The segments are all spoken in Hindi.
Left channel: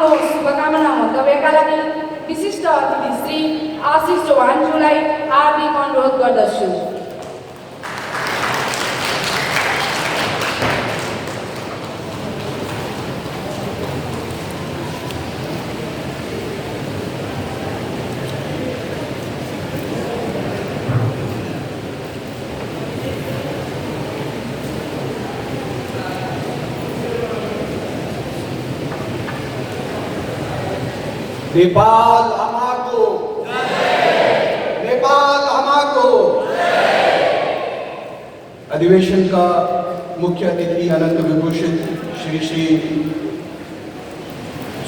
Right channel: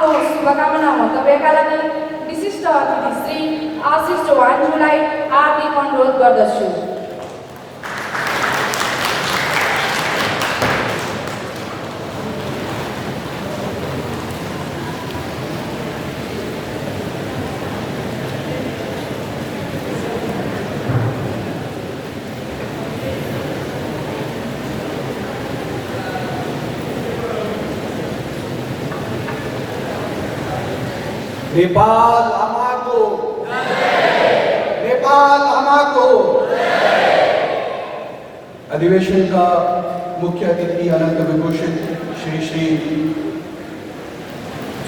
शुभकामना मन्तव्यका लागि विशिष्ट अतिथि श्री आशिष चौहानज्यूलाई हार्दिक अनुरोध गर्दछु। नेपाल आमाको नेपाल आमाको। अधिवेशन का मुख्य अतिथि अनंत विभूषित श्री श्री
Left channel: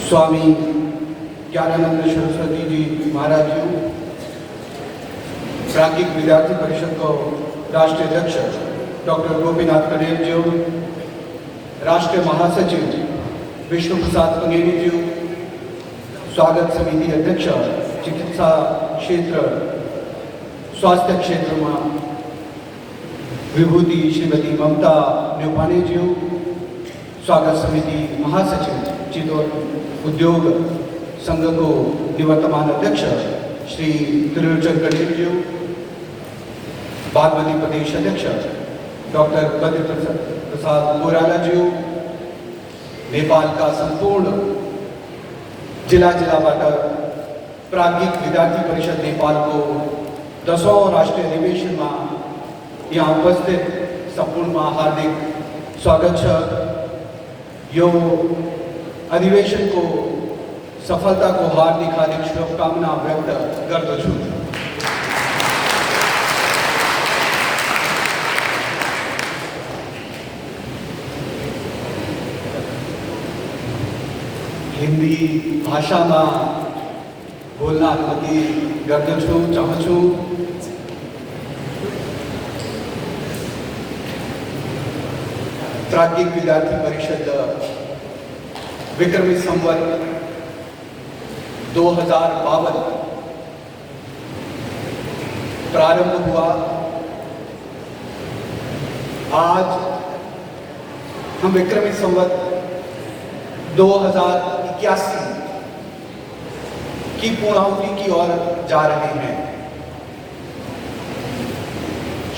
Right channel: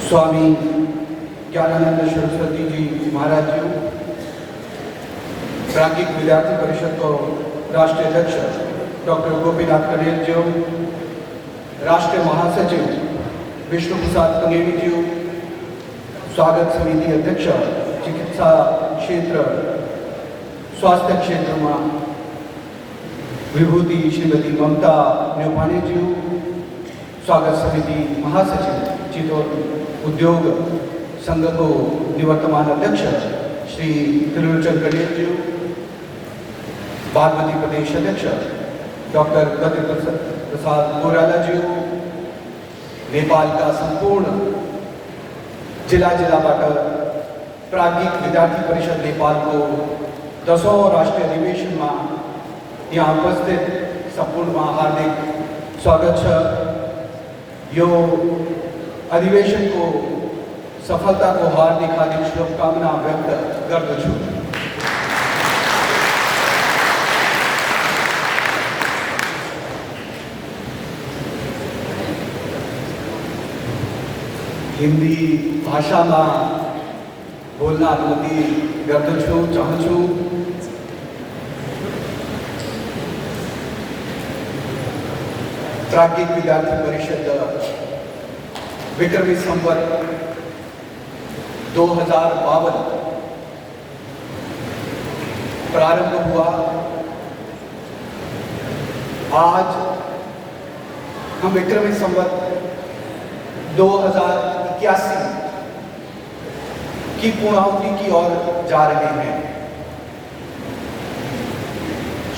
स्वामी ज्ञानानंद सरस्वती जी महाराज जी, प्राज्ञिक विद्यार्थी परिषद को राष्ट्रीय अध्यक्ष डॉक्टर गोपीनाथ कनेल जी, राष्ट्रीय महासचिव विष्णु प्रसाद कंगेरी जी, स्वागत समिति अध्यक्ष चिकित्सा क्षेत्र स्वास्थ्य क्षेत्र में विभूति श्रीमती ममता न्योपाने जी, स्वागत समिति महासचिव चितौर उद्योग संघ को निवर्तमान अध्यक्ष श्री त्रिलोचन कनेल जी, बागमती प्रदेश अध्यक्ष डॉक्टर बद्र प्रसाद गोराला जी, नेपाल का संपूर्ण जिला बाट प्राज्ञिक विद्यार्थी परिषद नेपाल को 10औं राष्ट्रीय अधिवेशन में यहाँ उपस्थित संपूर्ण में हार्दिक स्वागत है। यो अधिवेशन को सफलता को हार्दिक शुभकामना व्यक्त गर्दछु। हिंदी भाषा में बोलना अनुमति गर्दछु चाहछु। प्राज्ञिक विद्यार्थी परिषद विक्रमी संवत 2052 प्रारंभ हुआ। आज हम विक्रमी संवत 2081 की पूर्णाहुति की ओर जा रहे हैं।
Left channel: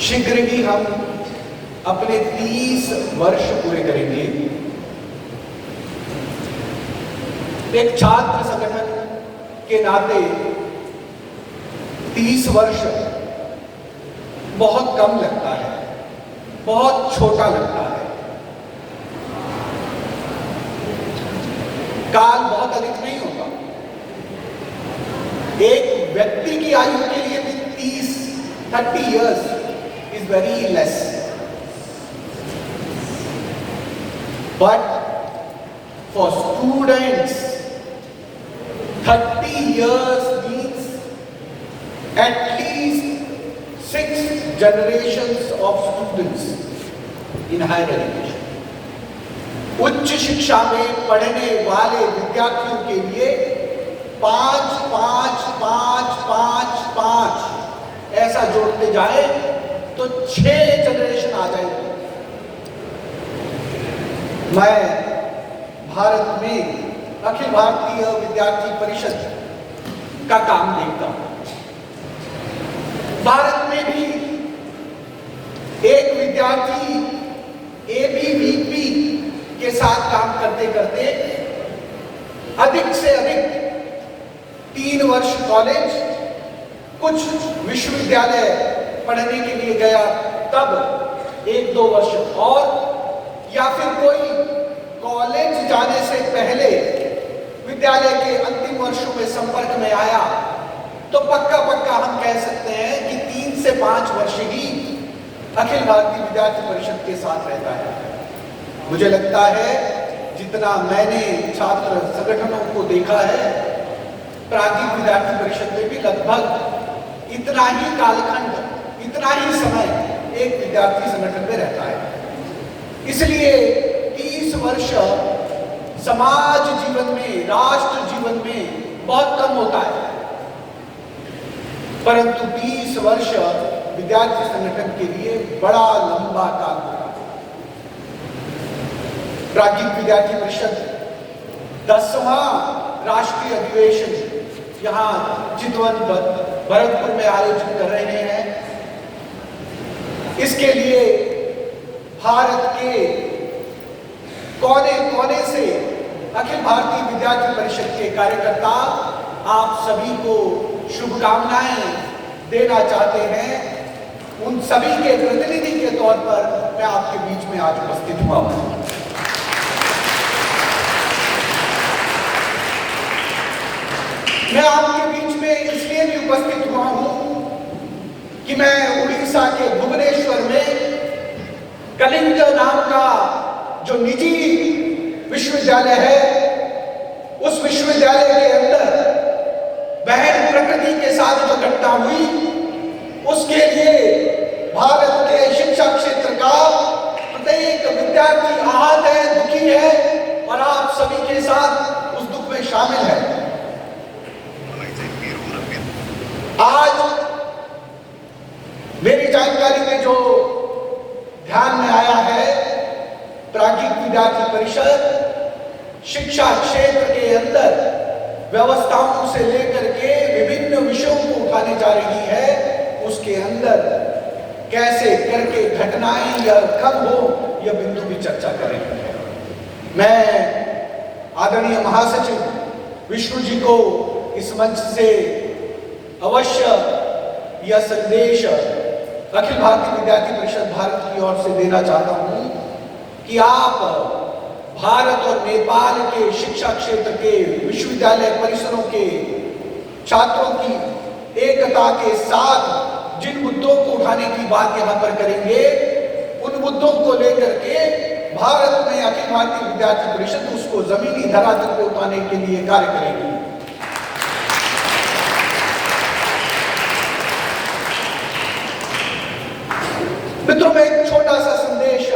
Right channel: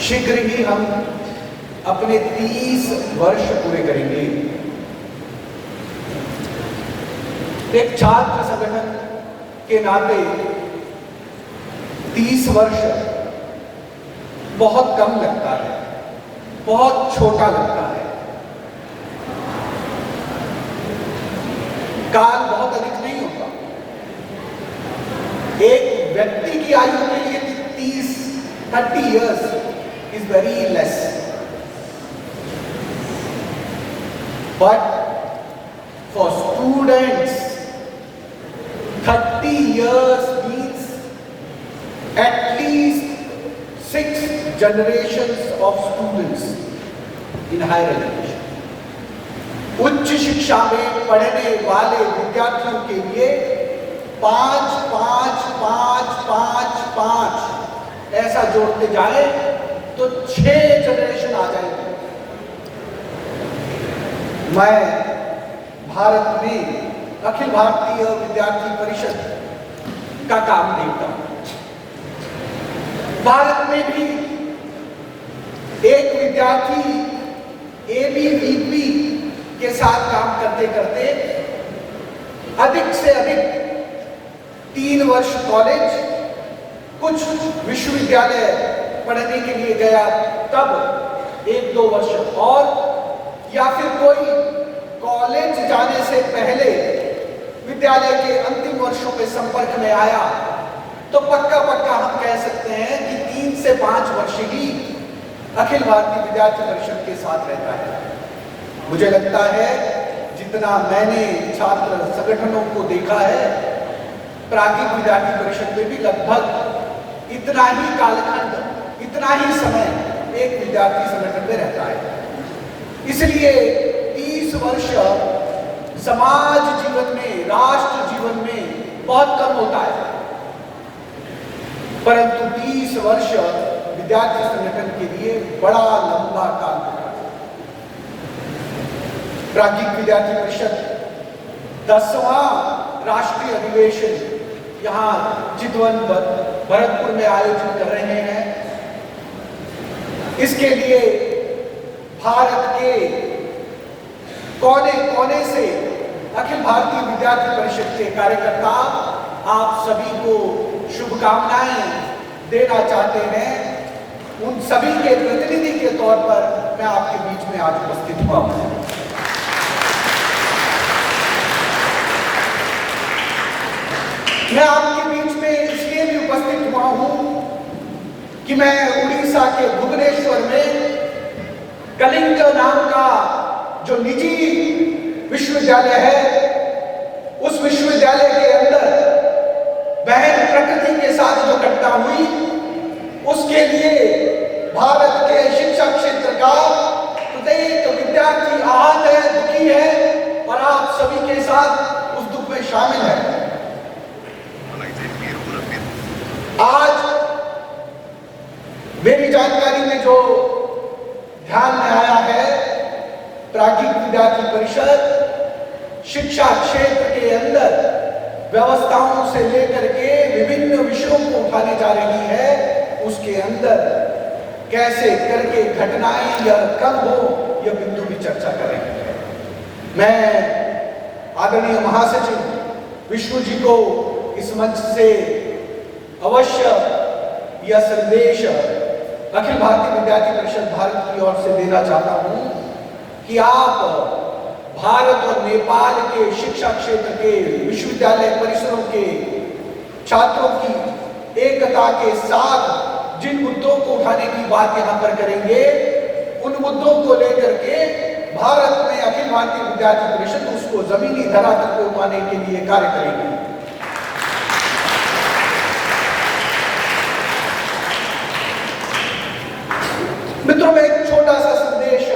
शीघ्र ही हम अपने 30 वर्ष पूरे करेंगे। एक छात्र संगठन के नाते 30 वर्ष बहुत कम लगता है, बहुत छोटा लगता है। काल बहुत अधिक नहीं होता। एक व्यक्ति की आयु के लिए 30 years is very less, but for students 30 years means at least 6 generations of students in higher education. उच्च शिक्षा में पढ़ने वाले विद्यार्थियों के लिए 5 5 5 5 5 ऐसा जोड़ते जाए तो 6 जनरेशन आ जाएगी। मैं भारत में अखिल भारतीय विद्यार्थी परिषद का काम देखता हूं। भारत में भी एक विद्यार्थी ABVP के साथ काम करते करते अधिक से अधिक 3 वर्ष कॉलेज, कुछ विश्वविद्यालय पढ़ने के लिए गया, तब 1-2 वर्ष और, या फिर कोई कॉलेज जाने से पहले विद्यालय के अंतिम वर्षों में संपर्क में आया, तो पक्का हम कह सकते हैं कि 3 से 5 वर्ष ही अखिल भारतीय विद्यार्थी परिषद के साथ रहता है। मुझे लगता है जितना मैंने छात्र संगठनों को देखा है, प्राज्ञिक विद्यार्थी परिषद में भी लगभग इतना ही कालखंड, इतना ही समय एक विद्यार्थी संगठन में रहता है। इसलिए 30 वर्ष समाज जीवन में, राष्ट्र जीवन में बहुत कम होता है, परंतु 30 वर्ष विद्यार्थी संगठन के लिए बड़ा लंबा काल होता है। प्राज्ञिक विद्यार्थी परिषद 10वां राष्ट्रीय अधिवेशन यहाँ चितवन भरतपुर में आयोजित कर रहे हैं। इसके लिए भारत के कोने कोने से अखिल भारतीय विद्यार्थी परिषद के कार्यकर्ता आप सभी को शुभकामनाएं देना चाहते हैं। उन सभी के प्रतिनिधि के तौर पर मैं आपके बीच में आज उपस्थित हुआ हूं। मैं आपके बीच में इसलिए भी उपस्थित हुआ हूं कि मैं उड़ीसा के भुवनेश्वर में कलिंग नाम का जो निजी विश्वविद्यालय है, उस विश्वविद्यालय के अंदर बहन प्रकृति के साथ जो घटना हुई, उसके लिए भारत के शिक्षा क्षेत्र का प्रत्येक विद्यार्थी आहत है, दुखी है और आप सभी के साथ उस दुख में शामिल है। आज मेरी जानकारी में जो ध्यान में आया है, प्राज्ञिक विद्यार्थी परिषद शिक्षा क्षेत्र के अंदर व्यवस्थाओं से लेकर के विभिन्न विषयों को उठाने जा रही है। उसके अंदर कैसे करके घटनाएं या कम हो, यह बिंदु भी चर्चा कर रही है। मैं आदरणीय महासचिव विष्णु जी को इस मंच से अवश्य यह संदेश अखिल भारतीय विद्यार्थी परिषद भारत की ओर से देना चाहता हूं कि आप भारत और नेपाल के शिक्षा क्षेत्र के विश्वविद्यालय परिसरों के छात्रों की एकता के साथ जिन मुद्दों को उठाने की बात यहां पर करेंगे, उन मुद्दों को लेकर के भारत में अखिल भारतीय विद्यार्थी परिषद उसको जमीनी धरातल पर उठाने के लिए कार्य करेगी। मित्रों, में एक छोटा सा संदेश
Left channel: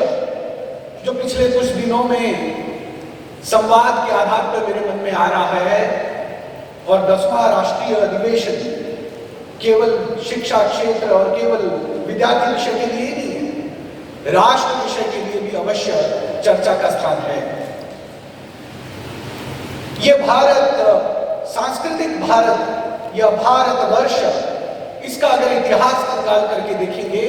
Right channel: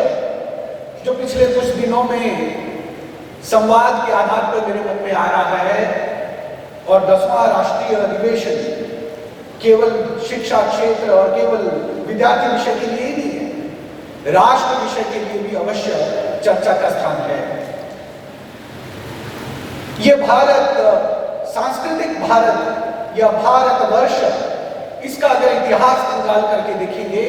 जो पिछले कुछ दिनों में संवाद के आधार पर मेरे मन में आ रहा है, और 10वां राष्ट्रीय अधिवेशन केवल शिक्षा क्षेत्र और केवल विद्यार्थी विषय के लिए नहीं है, राष्ट्र विषय के लिए भी अवश्य चर्चा का स्थान है। यह भारत, सांस्कृतिक भारत या भारतवर्ष, इसका अगर इतिहास निकाल करके देखेंगे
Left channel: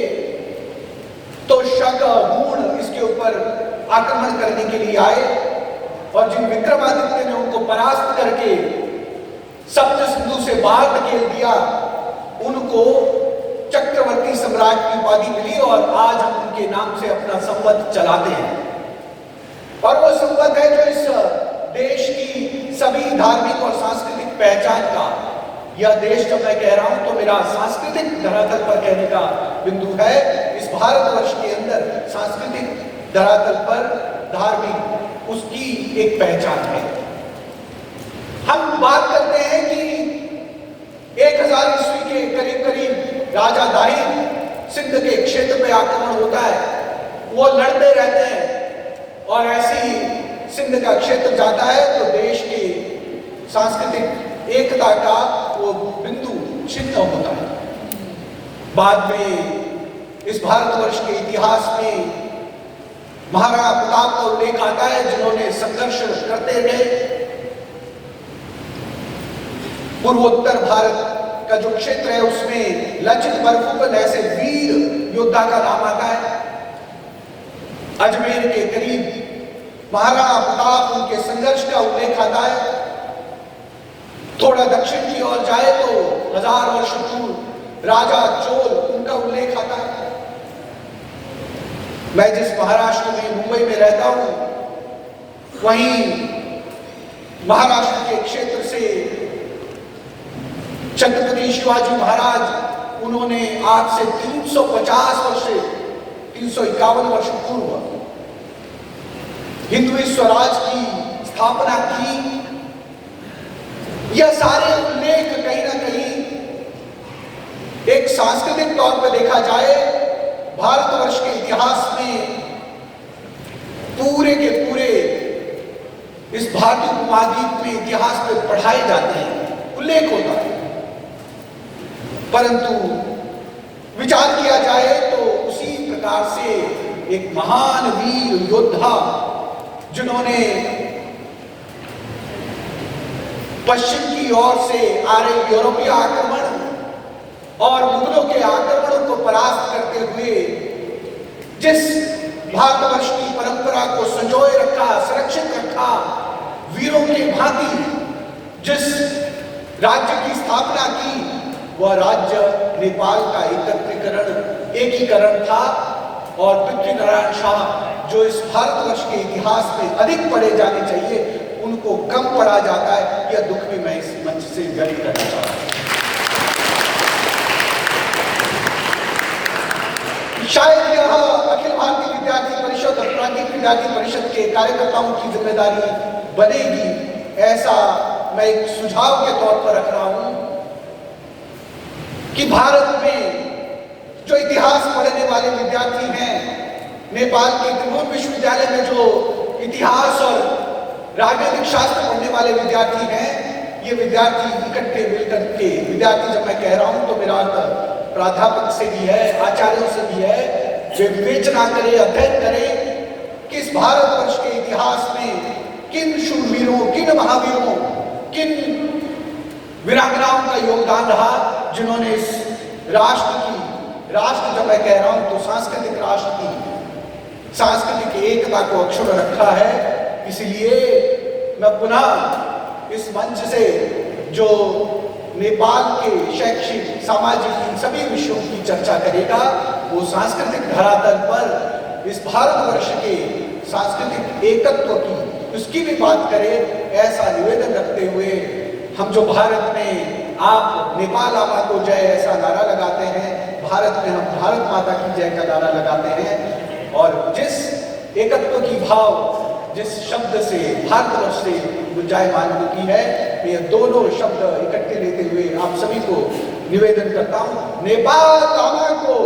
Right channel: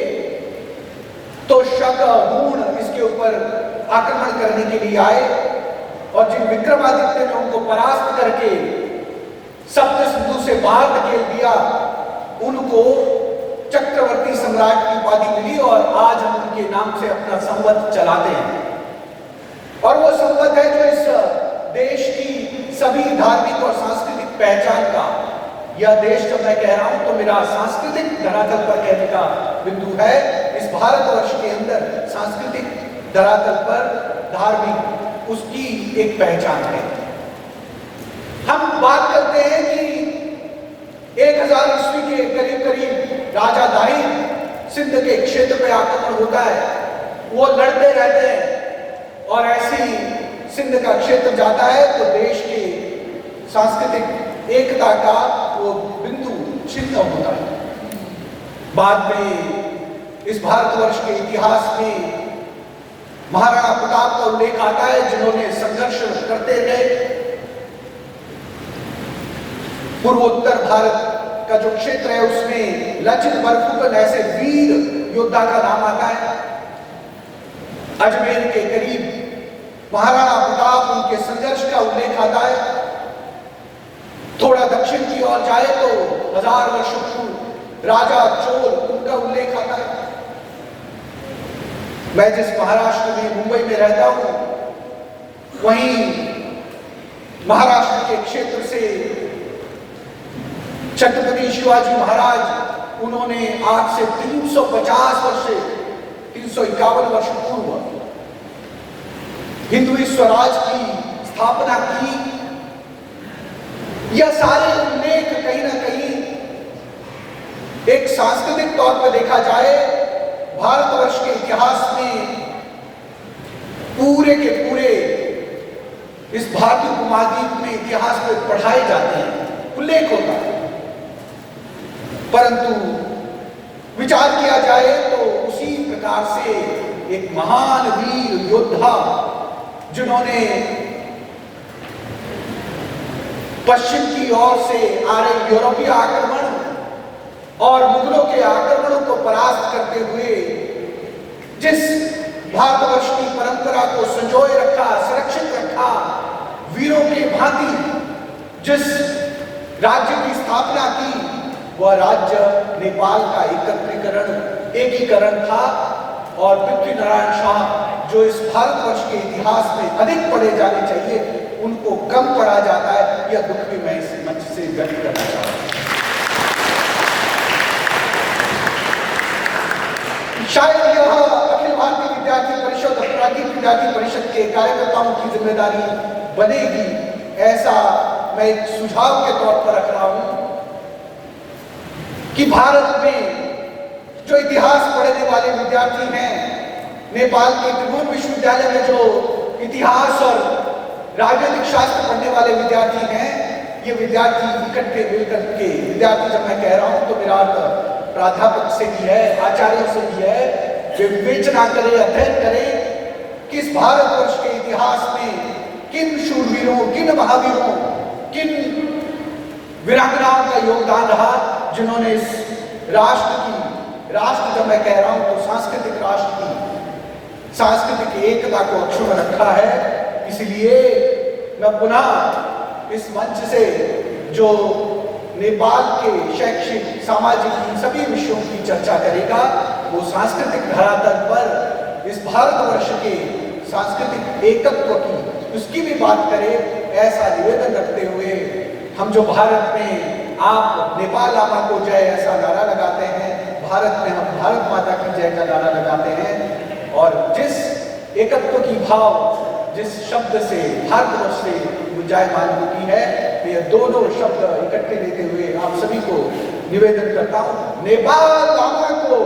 तो शक मूण इसके ऊपर आक्रमण करने के लिए आए और जिन विक्रमादित्य ने उनको परास्त करके सप्त सिंधु से बाहर धकेल दिया, उनको चक्रवर्ती सम्राट की उपाधि मिली और आज हम उनके नाम से अपना संवत चलाते हैं। और वो संवत है जो इस देश की सभी धार्मिक और सांस्कृतिक पहचान का, यह देश जब मैं कह रहा हूं तो मेरा सांस्कृतिक धरातल पर कहने का बिंदु है। इस भारतवर्ष के अंदर सांस्कृतिक धरातल पर धार्मिक उसकी एक पहचान है। हम बात करते हैं कि 1000 ईस्वी के करीब करीब राजा दाहिर सिंध के क्षेत्र में आक्रमण होता है, वो लड़ते रहते हैं और ऐसी सिंध का क्षेत्र जाता है तो देश के सांस्कृतिक एकता का वो बिंदु छिन्न होता है। बाद में इस भारतवर्ष के इतिहास में महाराणा प्रताप का उल्लेख आता है, जिन्होंने संघर्ष करते गए। पूर्वोत्तर भारत का जो क्षेत्र है उसमें लचित बरफुकन ऐसे वीर योद्धा का नाम आता है। अजमेर के करीब महाराणा प्रताप, उनके संघर्ष का उल्लेख आता है। थोड़ा दक्षिण की ओर जाए तो 1000 वर्ष पूर्व राजा चोल, उनका उल्लेख आता है। मैं जिस महाराष्ट्र में मुंबई में रहता हूं, वहीं महाराष्ट्र के क्षेत्र से छत्रपति शिवाजी महाराज, उन्होंने आज से 350 वर्ष से 351 वर्ष पूर्व हिंदवी स्वराज की स्थापना की। यह सारे उल्लेख कहीं ना कहीं एक सांस्कृतिक तौर पर देखा जाए भारतवर्ष के इतिहास में पूरे के पूरे इस भारतीय उपमहाद्वीप में इतिहास में पढ़ाए जाते हैं, उल्लेख होता है। परंतु विचार किया जाए तो उसी प्रकार से एक महान वीर योद्धा, जिन्होंने पश्चिम की ओर से आ रहे यूरोपीय आक्रमण और मुगलों के आक्रमणों को परास्त करते हुए जिस भारतवर्ष की परंपरा को संजोए रखा, सुरक्षित रखा, वीरों की भांति जिस राज्य की स्थापना की, वह राज्य नेपाल का एकीकरण था। और पृथ्वीनारायण शाह जो इस भारतवर्ष के इतिहास में अधिक पढ़े जाने चाहिए, उनको कम पढ़ा जाता है, यह दुख भी मैं इस मंच से व्यक्त करना चाहता हूं। शायद यह अखिल भारतीय विद्यार्थी परिषद, प्राज्ञिक विद्यार्थी परिषद के कार्यकर्ताओं की जिम्मेदारी बनेगी, ऐसा मैं एक सुझाव के तौर पर रख रहा हूं कि भारत में जो इतिहास पढ़ने वाले विद्यार्थी हैं, नेपाल के त्रिभुवन विश्वविद्यालय में जो इतिहास और राजनीतिक शास्त्र पढ़ने वाले विद्यार्थी हैं, ये विद्यार्थी इकट्ठे मिलकर के, विद्यार्थी जब मैं कह रहा हूं तो मेरा प्राध्यापक से भी है, आचार्यों से भी है, वे विवेचना करें, अध्ययन करें कि इस भारतवर्ष के इतिहास में किन शूरवीरों, किन महावीरों, किन वीरांगनाओं का योगदान रहा, जिन्होंने इस राष्ट्र जब मैं कह रहा हूं तो सांस्कृतिक राष्ट्र की सांस्कृतिक एकता को अक्षुण्ण रखा है। इसलिए मैं पुनः इस मंच से जो नेपाल के शैक्षिक, सामाजिक, इन सभी विषयों की चर्चा करेगा, वो सांस्कृतिक धरातल पर इस भारतवर्ष के सांस्कृतिक एकत्व की, उसकी भी बात करे, ऐसा निवेदन रखते हुए हम जो भारत में आप नेपाल आमा को जय ऐसा नारा लगाते हैं, भारत में हम भारत माता की जय का नारा लगाते हैं, और जिस एकत्व की भाव, जिस शब्द से भारतवर्ष से गुंजायमान होती है, मैं ये दोनों शब्द इकट्ठे लेते हुए आप सभी को निवेदन करता हूं, नेपाल आमा को